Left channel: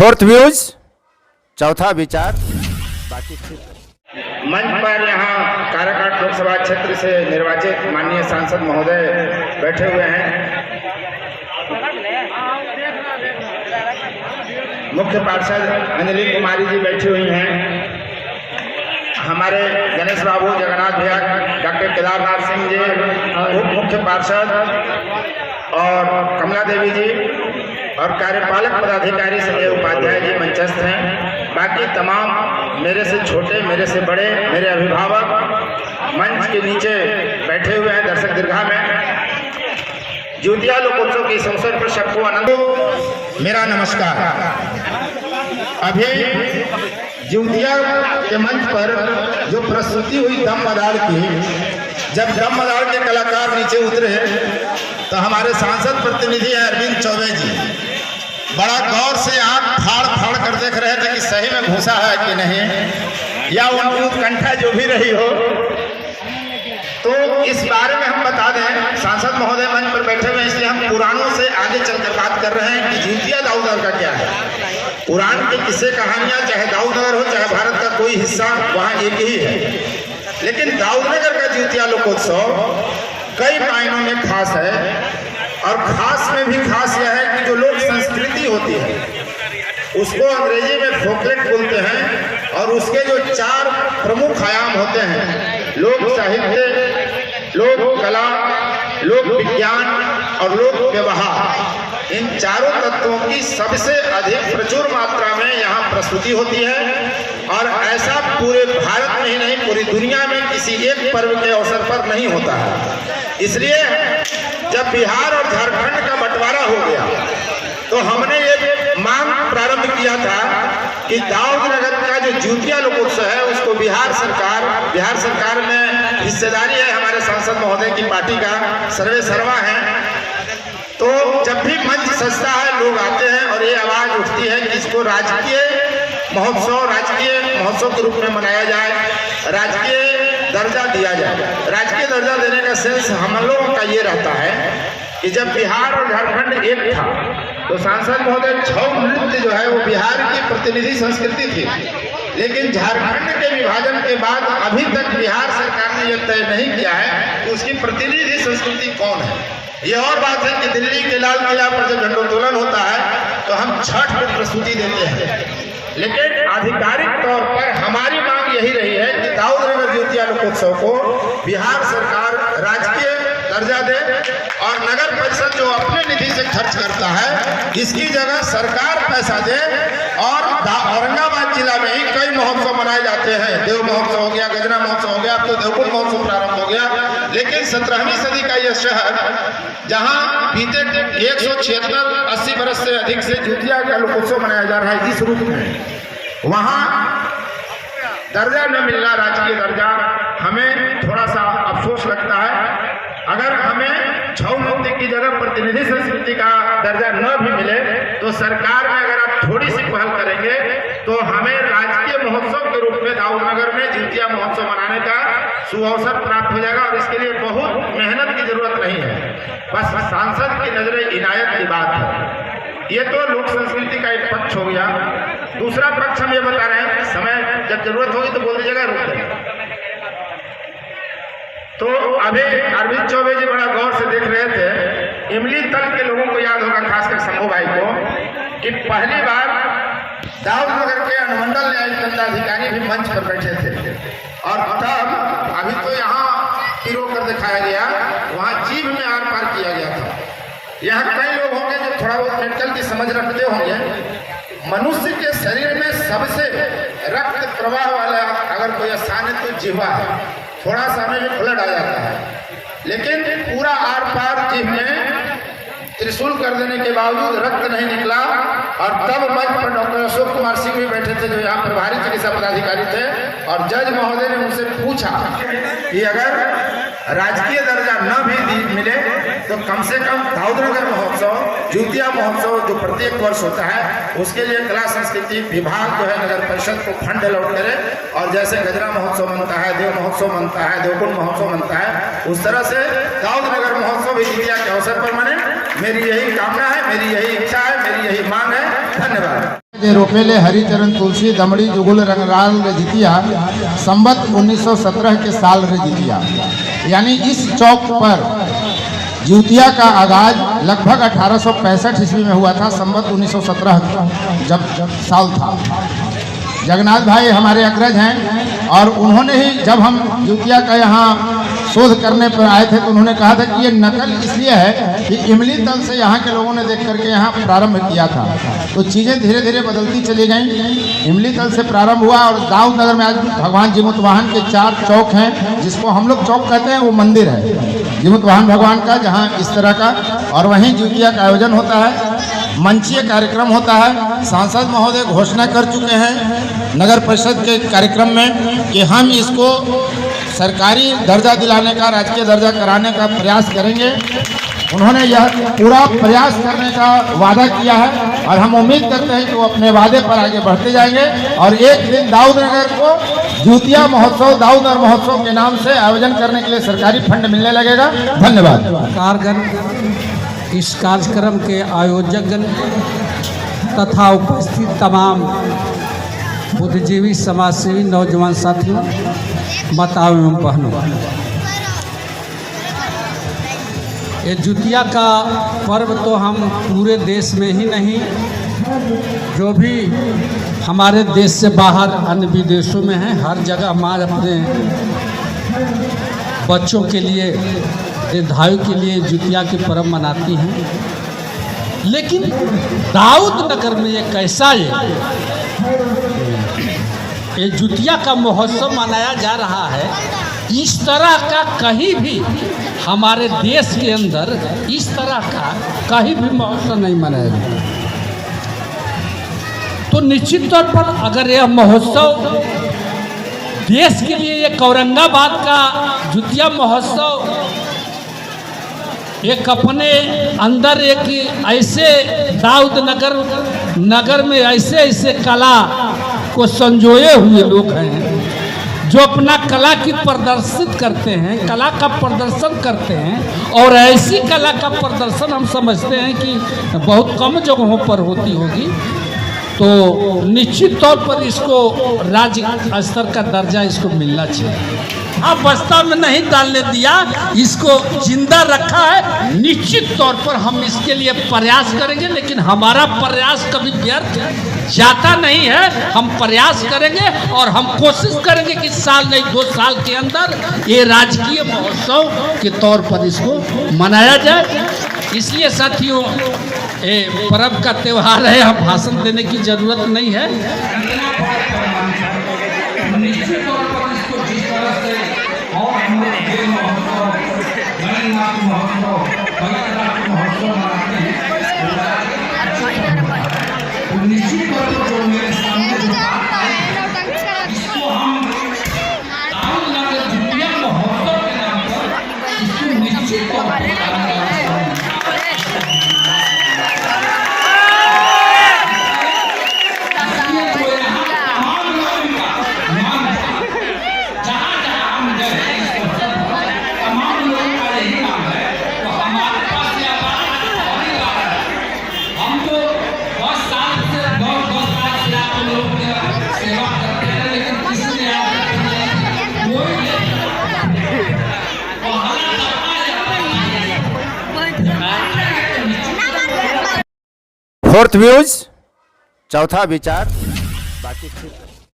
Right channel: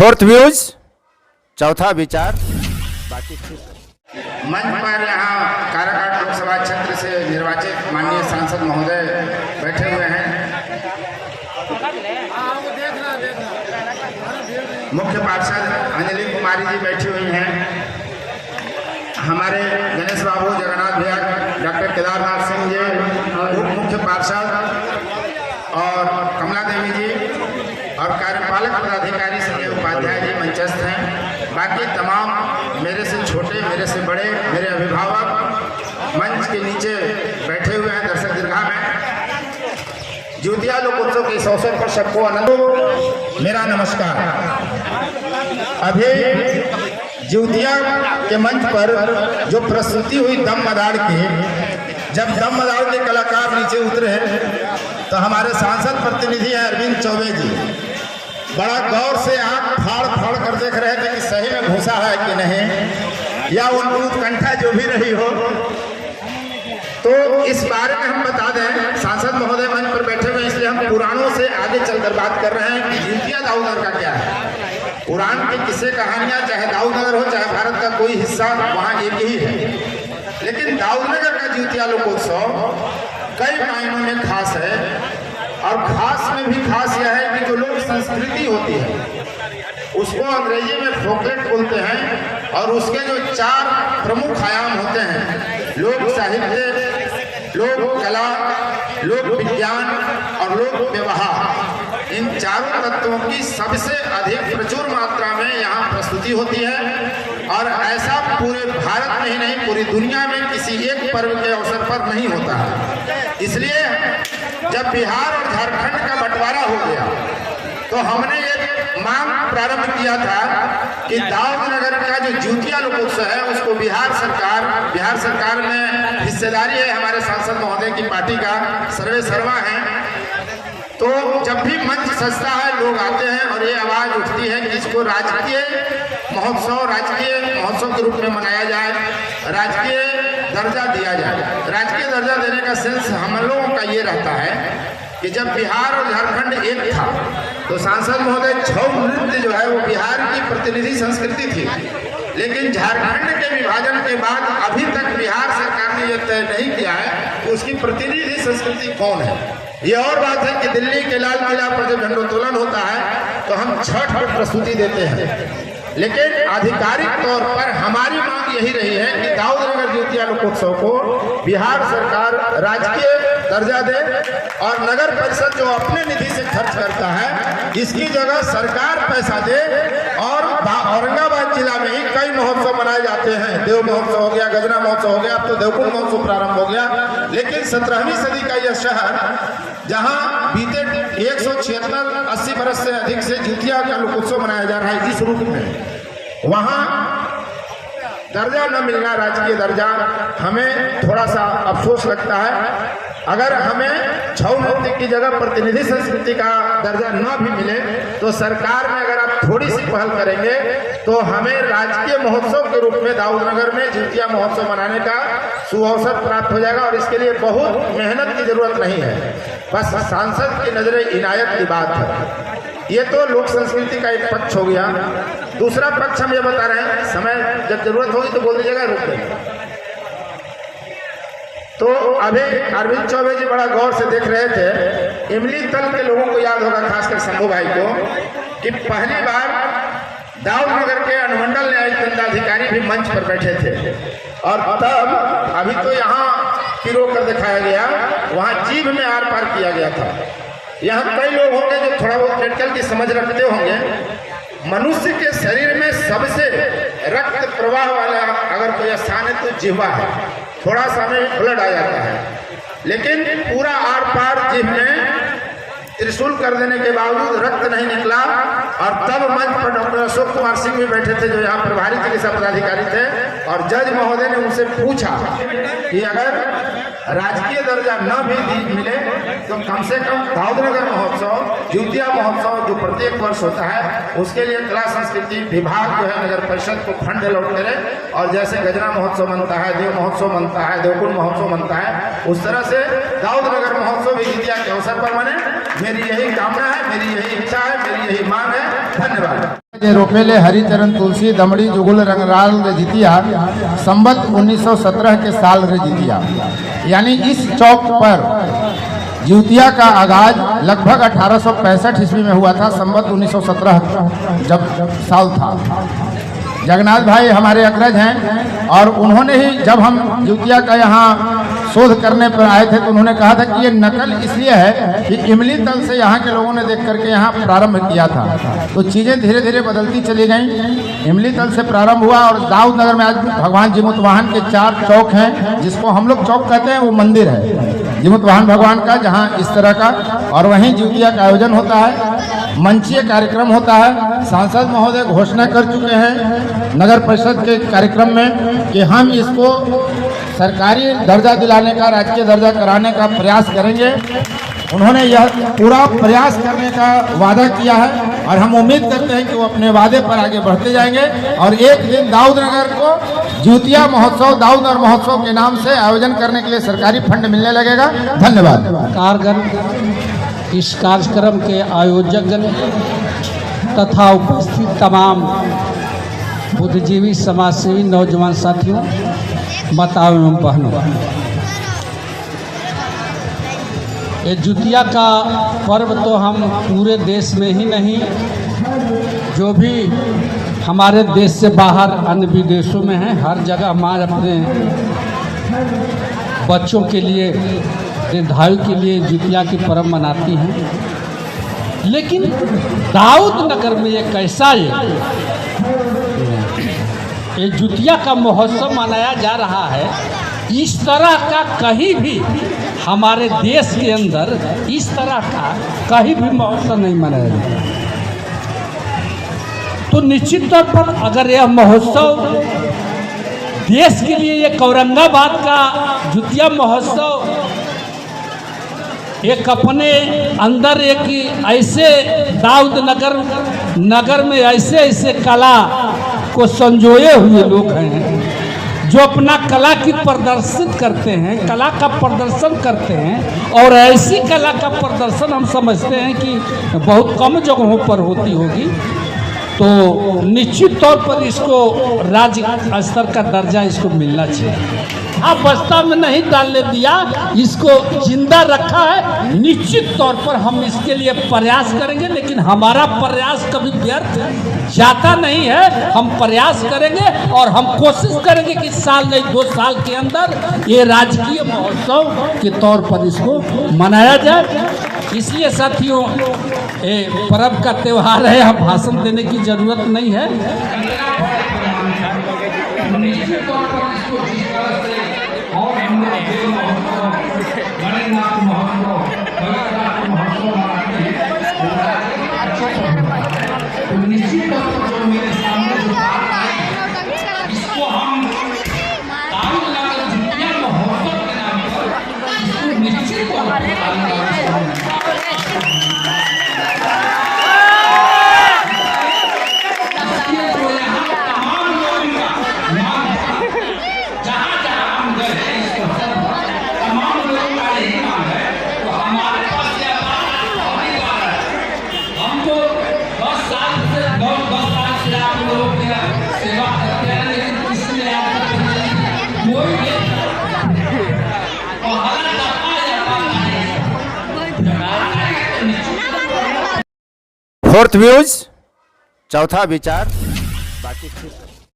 Fourth views, चौथा विचार, बाकी मंच पर यहाँ काराकाट लोकसभा क्षेत्र से निर्वाचित माननीय सांसद महोदय बैठे हुए हैं। मुख्य पार्षद अंजलि कुमारी जी बैठी हुई हैं। हमारे गणेश बाबू, जगन्नाथ भैया, डॉक्टर केदारनाथ सिंह जी, उप मुख्य पार्षद और कमला देवी जी और कार्यपालक पदाधिकारी संजय उपाध्याय जी मंचस्थ हैं। बाकी तमाम मेरे से छोटे, मेरे से बड़े, मेरे अभिभावक मंच के नीचे बैठे हुए हैं दर्शक दीर्घा में। ज्योतिया लोकोत्सव के इस अवसर पर सबको आनंद मेरा नमस्कार। अभी ज्योतिया के मंच पर जो प्रस्तुति हुई दम बजाड़ की, जब दम बजाड़ के कलाकार नीचे उतरे तो हमारे सांसद प्रतिनिधि अरविंद चौबे जी बड़ा गौर से आंख फाड़ फाड़ कर देख रहे थे कि सही में घुसा है कि नहीं, या उनकी उत्कंठा जो भी रही हो। तो इस बारे में हम बता दें, सांसद महोदय मंच पर बैठे हुए, इसलिए हम पुराणों से आगे चलकर बात कर रहे हैं कि ज्योतिया दाऊदनगर का क्या है। पुराण की किस्से कहानियां, चाहे दाऊदनगर हो चाहे भारत का कोई हिस्सा, वहाँ एक ही है। लेकिन दाऊदनगर का ज्योतिया लोकोत्सव कई मायनों में खास है, और खास में भी खास यह है कि जो लोक संस्कृति होती है उसको अंग्रेजी में फोकलेट बोलते हैं, और उसके जो 4 प्रमुख आयाम होते हैं, लोक साहित्य, लोक कला, लोक विज्ञान और लोक व्यवहार, इन चारों तत्वों की सबसे अधिक प्रचुर मात्रा में यहाँ प्रस्तुति होती है। और ऐसा पूरे भारत में ही नहीं, पूरी दुनिया में किसी एक पर्व के अवसर पर नहीं होता है। इसलिए जब बिहार और झारखंड का बंटवारा हो गया तो हमने एक मांग प्रारंभ किया था कि दाऊदनगर का जो ज्योतिया लोकोत्सव है उसको बिहार सरकार में हिस्सेदारी है, हमारे सांसद महोदय की पार्टी का सर्वे सर्वा है। तो जब भी मंच सजता है, लोग आते हैं और ये आवाज उठती है कि इसको राजकीय महोत्सव के रूप में मनाया जाए, राजकीय दर्जा दिया जाए। राजकीय दर्जा देने का सेंस हम लोगों का ये रहता है कि जब बिहार और झारखंड एक था तो सांसद महोदय छऊ नृत्य जो है वो बिहार की प्रतिनिधि संस्कृति थी, लेकिन झारखंड के विभाजन के बाद अभी तक बिहार सरकार ने यह तय नहीं किया है कि उसकी प्रतिनिधि संस्कृति कौन है। ये और बात है कि दिल्ली के लाल किला पर जब झंडोत्तोलन होता है तो हम छठ पर प्रस्तुति देते हैं, लेकिन आधिकारिक तौर पर हमारी मांग यही रही है कि दाऊदनगर ज्योतिया लोकोत्सव को बिहार सरकार राजकीय दर्जा दे, और नगर परिषद जो अपने निधि से खर्च करता है इसकी जगह सरकार पैसा दे। और औरंगाबाद जिला में ही कई महोत्सव मनाए जाते हैं, देव महोत्सव हो गया, गजना महोत्सव हो गया, अब तो देवकुंड महोत्सव प्रारंभ हो गया। लेकिन 17वीं सदी का यह शहर, जहाँ बीते 176-80 वर्ष से अधिक से ज्योतिया का लोकोत्सव मनाया जा रहा है इस रूप में, वहाँ दर्जा न मिलना, राजकीय दर्जा, हमें थोड़ा सा अफसोस लगता है। अगर हमें छऊ नृत्य की जगह प्रतिनिधि संस्कृति का दर्जा न भी मिले तो सरकार में अगर आप थोड़ी सी पहल करेंगे तो हमें राजकीय महोत्सव के रूप में दाऊदनगर में ज्योतिया महोत्सव मनाने का सुअवसर प्राप्त हो जाएगा। और इसके लिए बहुत मेहनत की जरूरत नहीं है, बस सांसद की नजरे इनायत की बात है। ये तो लोक संस्कृति का एक पक्ष हो गया। दूसरा पक्ष हम ये बता रहे हैं, समय जब जरूरत होगी तो बोल दीजिएगा, रुक जाएगा। तो अभी अरविंद चौबे जी बड़ा गौर से देख रहे थे, इमली तल के लोगों को याद होगा, खासकर शंभू भाई को, कि पहली बार दाऊदनगर के अनुमंडल न्यायिक दंडाधिकारी भी मंच पर बैठे थे, और तब अभी तो यहाँ पिरो कर दिखाया गया, वहाँ जीभ में आर पार किया गया था। यहाँ कई लोग होंगे जो थोड़ा बहुत मेडिकल की समझ रखते होंगे। मनुष्य के शरीर में सबसे रक्त प्रवाह वाला अगर कोई स्थान है तो जिह्वा है, थोड़ा सा में ब्लड आ जाता है, लेकिन पूरा आर पार जिह्वा में त्रिशूल कर देने के बावजूद रक्त नहीं निकला। और तब मंच पर डॉक्टर अशोक कुमार सिंह भी बैठे थे, जो यहाँ प्रभारी चिकित्सा पदाधिकारी थे, और जज महोदय ने उनसे पूछा कि अगर राजकीय दर्जा न भी मिले तो कम से कम दाऊदनगर महोत्सव, ज्योतिया महोत्सव जो प्रत्येक वर्ष होता है, उसके लिए कला संस्कृति विभाग जो है नगर परिषद को फंड अलॉट करे, और जैसे गजना महोत्सव बनता है, देव महोत्सव बनता है, देवकुंड महोत्सव बनता है, उस तरह से दाऊदनगर महोत्सव भी ज्योतिया के अवसर पर मने। मेरी यही कामना है, मेरी यही इच्छा है, मेरी यही मांग है। धन्यवाद। जे रोपेले हरिचरण तुलसी दमड़ी जुगुल रंगराल रे जितिया संबत 1917 के साल रे जितिया, यानी इस चौक पर जितिया का आगाज लगभग 1865 ईस्वी में हुआ था। संबत 1917 जब साल था। जगन्नाथ भाई हमारे अग्रज हैं और उन्होंने ही जब हम जितिया का यहाँ शोध करने पर आए थे तो उन्होंने कहा था कि ये नकल इसलिए है कि इमली तल से यहाँ के लोगों ने देख करके यहाँ प्रारंभ किया था। तो चीज़ें धीरे धीरे बदलती चली गईं। इमली तल से प्रारंभ हुआ और दाऊद नगर में आज भगवान जीमुतवाहन के 4 चौक हैं, जिसको हम लोग चौक कहते हैं। वो मंदिर है जीमुतवाहन भगवान का, जहाँ इस तरह का, और वहीं जितिया का आयोजन होता है। मंचीय कार्यक्रम होता है। सांसद महोदय घोषणा कर चुके हैं नगर परिषद के कार्यक्रम में कि हम इसको सरकारी दर्जा दिलाने का, राजकीय दर्जा कराने का प्रयास करेंगे। उन्होंने यह पूरा प्रयास करने का वादा किया है और हम उम्मीद करते हैं कि वो अपने वादे पर आगे बढ़ते जाएंगे और एक दिन दाऊद नगर को जितिया महोत्सव, दाऊद नगर महोत्सव के नाम से आयोजन करने के लिए सरकारी फंड मिलने लगेगा। धन्यवाद। इस कार्यक्रम के आयोजकगण तथा उपस्थित तमाम बुद्धिजीवी, समाजसेवी, नौजवान साथियों, माताओं एवं बहनों, ये जितिया का पर्व तो हम पूरे देश में ही नहीं, जो भी हमारे देश से बाहर अन्य विदेशों में हैं, हर जगह हमारे अपने बच्चों के लिए, दीर्घायु के लिए जितिया की पर्व मनाती हैं। लेकिन दाऊद नगर में ये कैसा ये जितिया का महोत्सव मनाया जा रहा है, इस तरह का कहीं भी हमारे देश के अंदर इस तरह का कहीं भी महोत्सव नहीं मनाया जाता। तो निश्चित तौर पर अगर यह महोत्सव देश के लिए, एक औरंगाबाद का जितिया महोत्सव एक अपने अंदर एक ऐसे दाऊद नगर में ऐसे ऐसे कला को संजोए हुए लोग हैं जो अपना कला की प्रदर्शित करते हैं, कला का प्रदर्शन करते हैं। और ऐसी कला का प्रदर्शन हम समझते हैं कि बहुत कम जगहों पर होती होगी। तो निश्चित तौर पर इसको राज्य स्तर का दर्जा इसको मिलना चाहिए। अब बस्ता में नहीं डालने दिया, इसको जिंदा रखा है। निश्चित तौर पर हम इसके लिए प्रयास करेंगे, लेकिन हमारा प्रयास कभी व्यर्थ जाता नहीं है। हम प्रयास करेंगे और हम कोशिश करेंगे कि साल नहीं 2 साल के अंदर ये राजकीय महोत्सव के तौर पर इसको मनाया जाए। इसलिए साथियों, ये पर्व का त्यौहार है, हम भाषण देने की जरूरत नहीं है। निश्चित तौर पर इसको जिस तरह से और हम लोग ये महोत्सव, गणेशनाथ महोत्सव, भगतनाथ महोत्सव मनाते हैं, तो निश्चित तौर पर जो मेरे सामने जो बात है, इसको हम दाऊद नगर जितिया महोत्सव के नाम पर इसको निश्चित तौर पर फोर्थ व्यूज, चौथा विचार, बाकी